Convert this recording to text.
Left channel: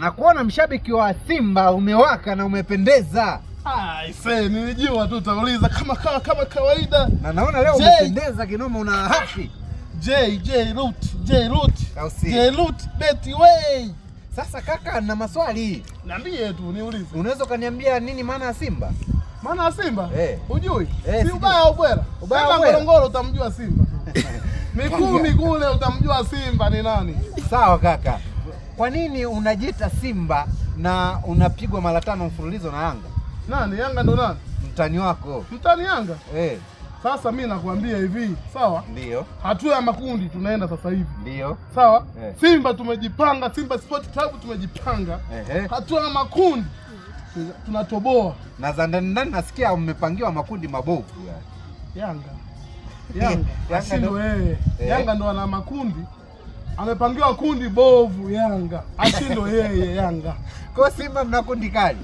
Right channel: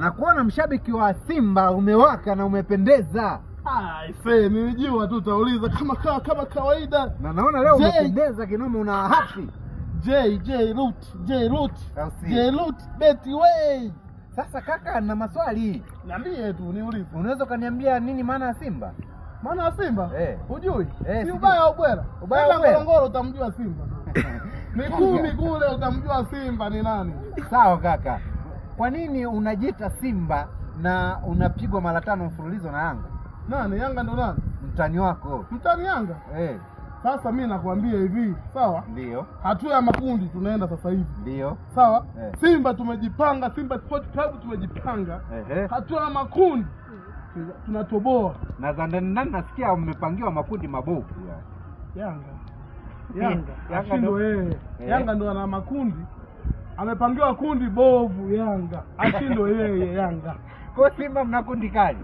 Nakuona mshabiki wa Simba umewaka na umependeza. Ise nilijua tu utauliza kama kawaida. Na naona leo umependeza kinoma, una happy. J Root Betty way. Sasa kaka, na maswali. Niambie tu niulize. Unaweza kaniambia nini maana ya Simba? Maana ya Simba? Hujui? Si ubaya au bwela? Ubaya Ngorongoro utamjua Simba. Mikumi kule utamjua Simba ni nani? Sawa kaka. Kwa nini unajiita Simba na unapigwa mara 5 mfululizo na Yanga? Nani? Yanga ndo nani? Mtani wako. Mtani Yanga? Sasa mimi nakwambia hivi, sawa? Ndio. Hatua ya makundi tunaenda sasa hivi. Ndio. Sawa? Simba tumejipanga, Simba Sport Club tumejipanga. Hatua ya makundi tunatoboa. Na za ndani nasikia mmepangiwa makundi mabovu. Yanga ndo ana makundi. Amepangiwa kundi bovu Yanga. Ashindo yeye Yanga. Kwa Simba mna kundi kali.